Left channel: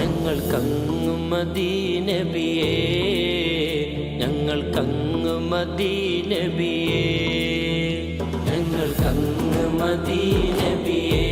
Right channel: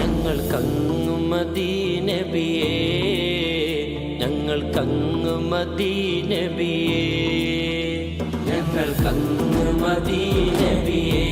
ഞങ്ങൾക്കങ്ങു മദീനബിയേ ഞങ്ങൾക്കങ്ങു മദീനബിയേ ഞങ്ങൾ മദീനബിയേ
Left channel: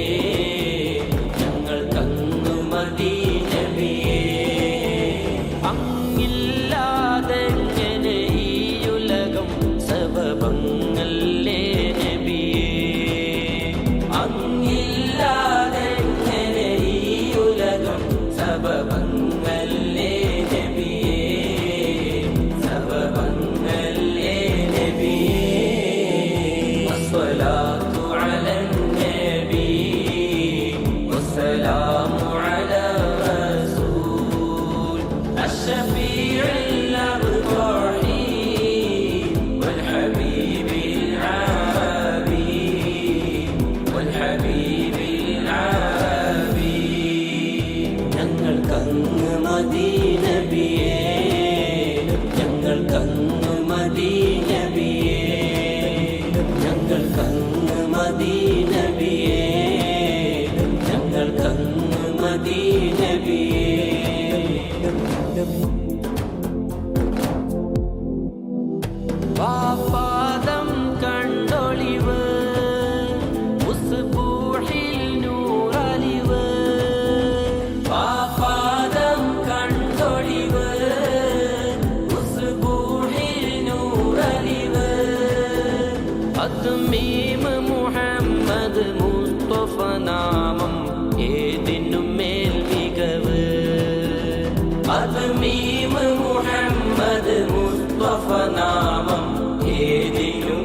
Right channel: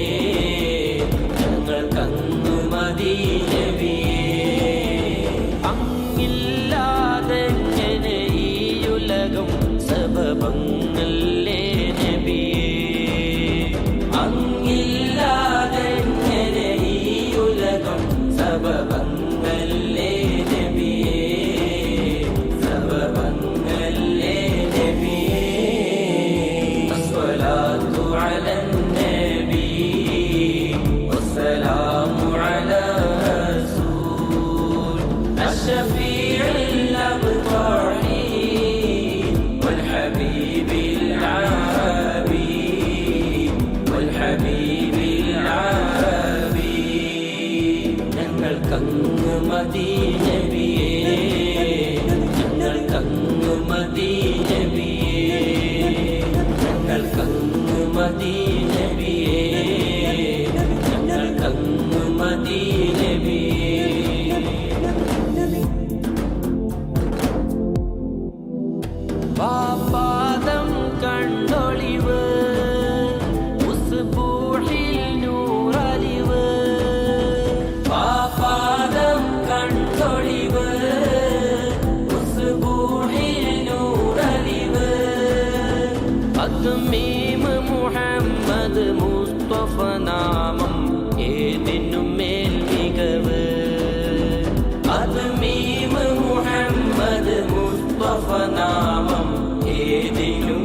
والسلام على رسول الشفيع الأبطحين والحبيب العربي والحبيب العربي ഞങ്ങൾക്കങ്ങ് മദീനബിയേ ഞങ്ങൾക്കങ്ങ് மதீனபி. பாப்பாதம் கண்டொழிவு உசுபூழில் நூறழிவு. பாப்பாதம் கண்டொழிவு உசுபூழில் நூறழிவு. அது மீம் முகம்மது முஸ்தப അദ്മീം മുഹമ്മദ് മുസ്തഫ നാമം ഏതിനും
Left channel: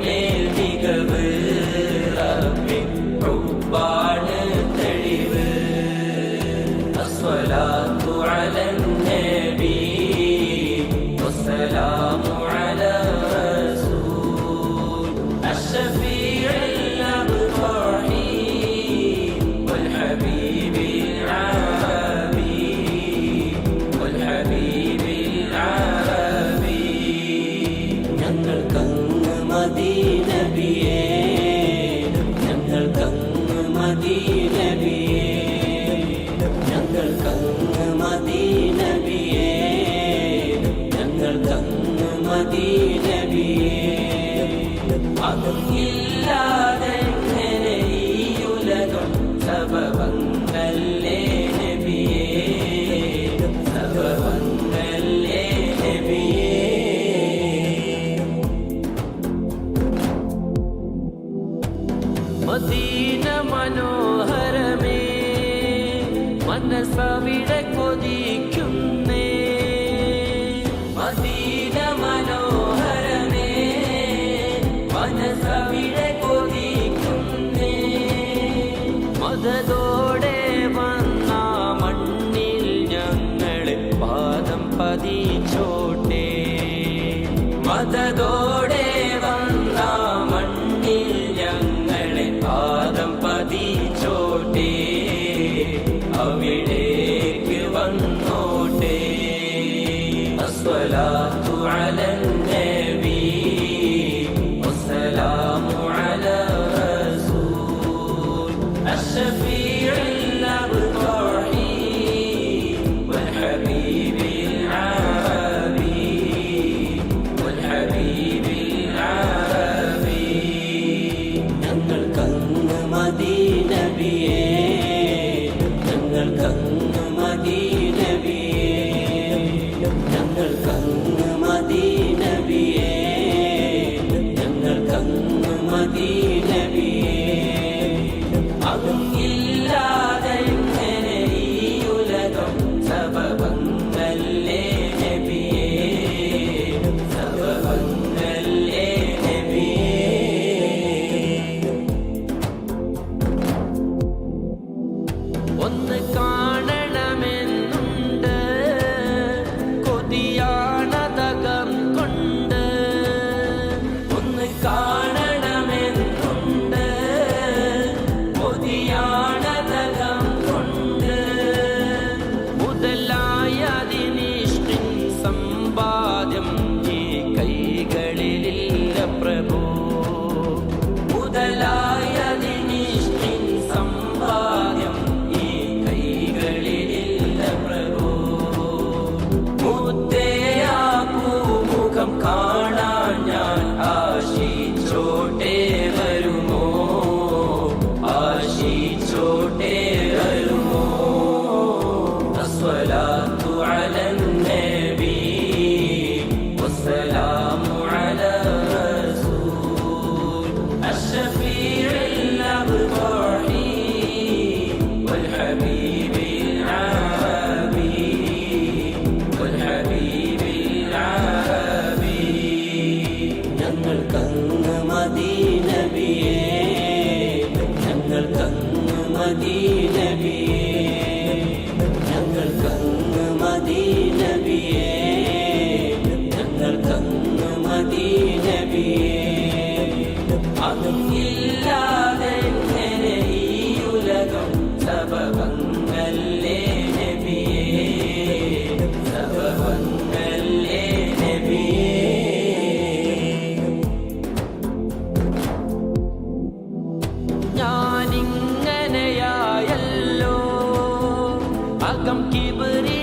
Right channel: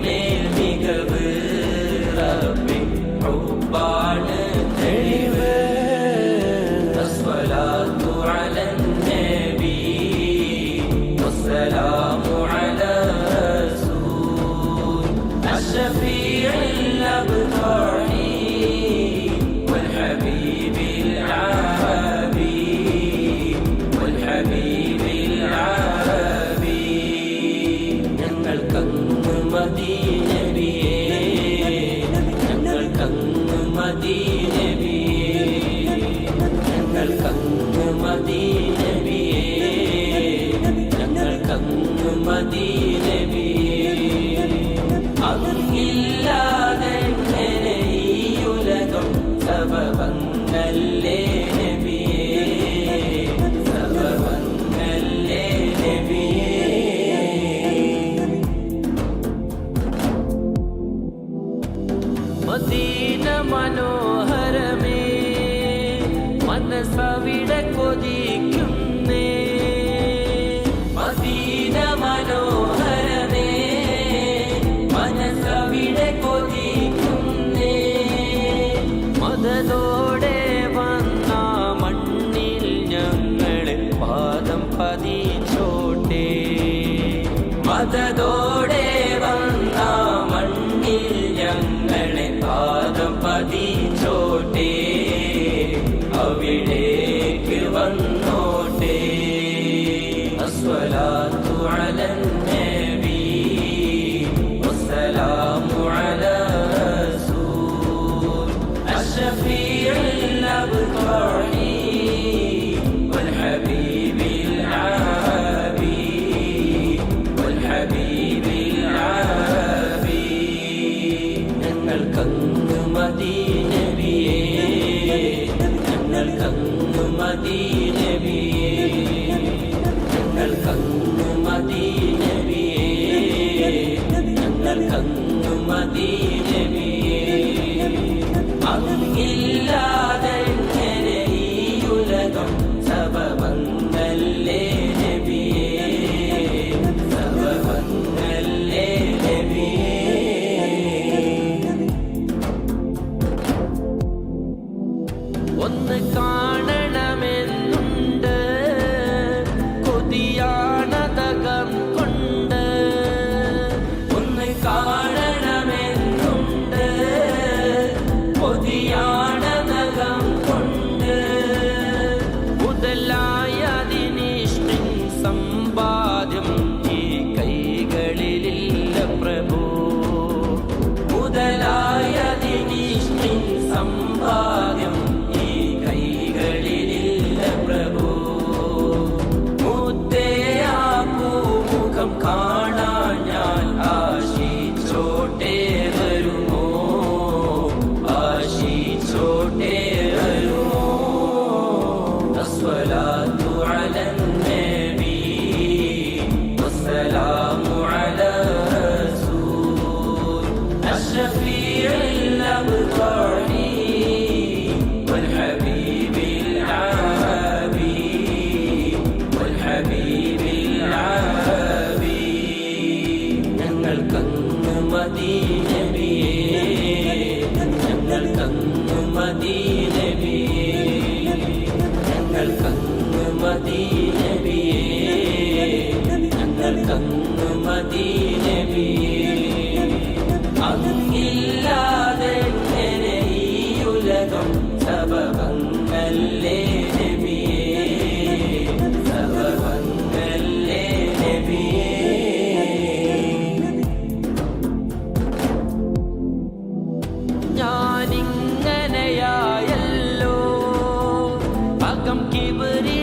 മനസ്സവിടെ കൊതിക്കുന്നേ മദീന മനോഹരമേ മനസ്സവിടെ കൊതിക്കുന്നേ. മതതോടെ വന്ന മണ്ണിൽ ഞങ്ങളെ പാദം പതിച്ചോട്ടെ. മതതോടെ الصلاة على മുൻപിലില്ല പ്രഭു. മുതലായ നിമിഷ്ടിൻ സമ്പാദ്യം ഈ കൈകളിലില്ല പ്രഭു. മുത്തേയാ പൂമുഖം കാണാൻ ഞാൻ ആശിച്ചോട്ടേ. മദീനബിയേ ഞങ്ങൾക്കങ്ങ് മദീനബിയേ ഞങ്ങൾക്കങ്ങ് മദീനബിയേ അങ്ങില്ലാ but it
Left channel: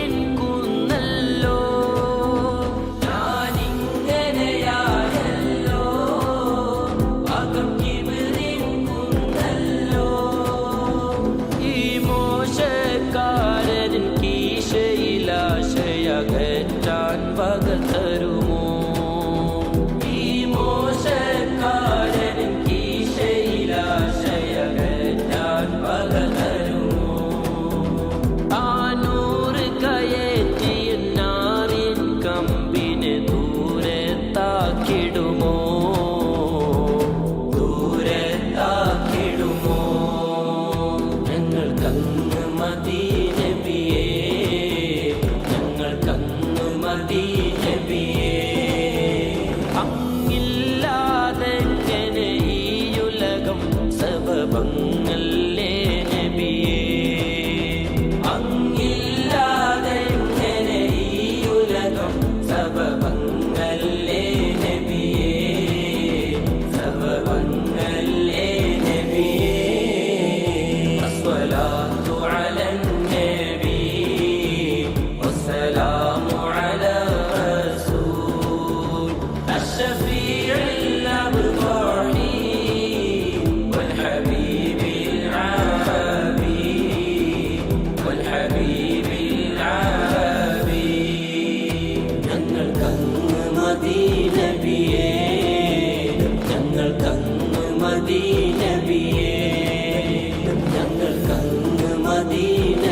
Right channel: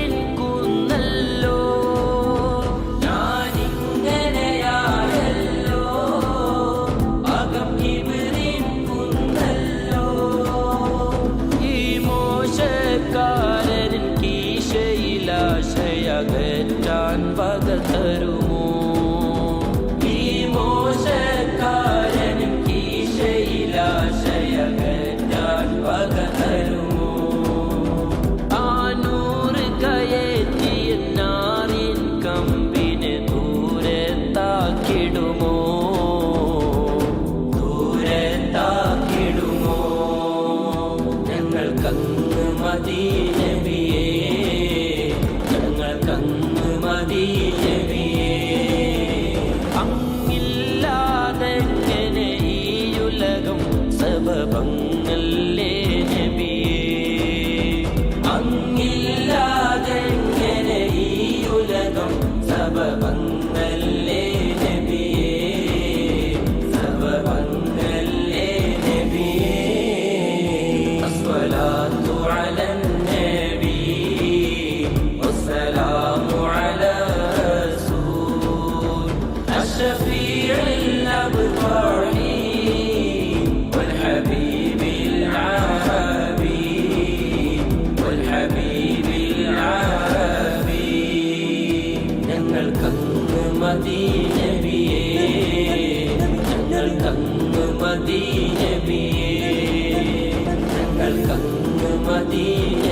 ഞങ്ങൾക്കങ്ങ് അങ്ങില്ലാതെങ്ങനെ ഈ ഉലകം സബബങ്ങളേ നബിയേ. കങ്ങ് മദീന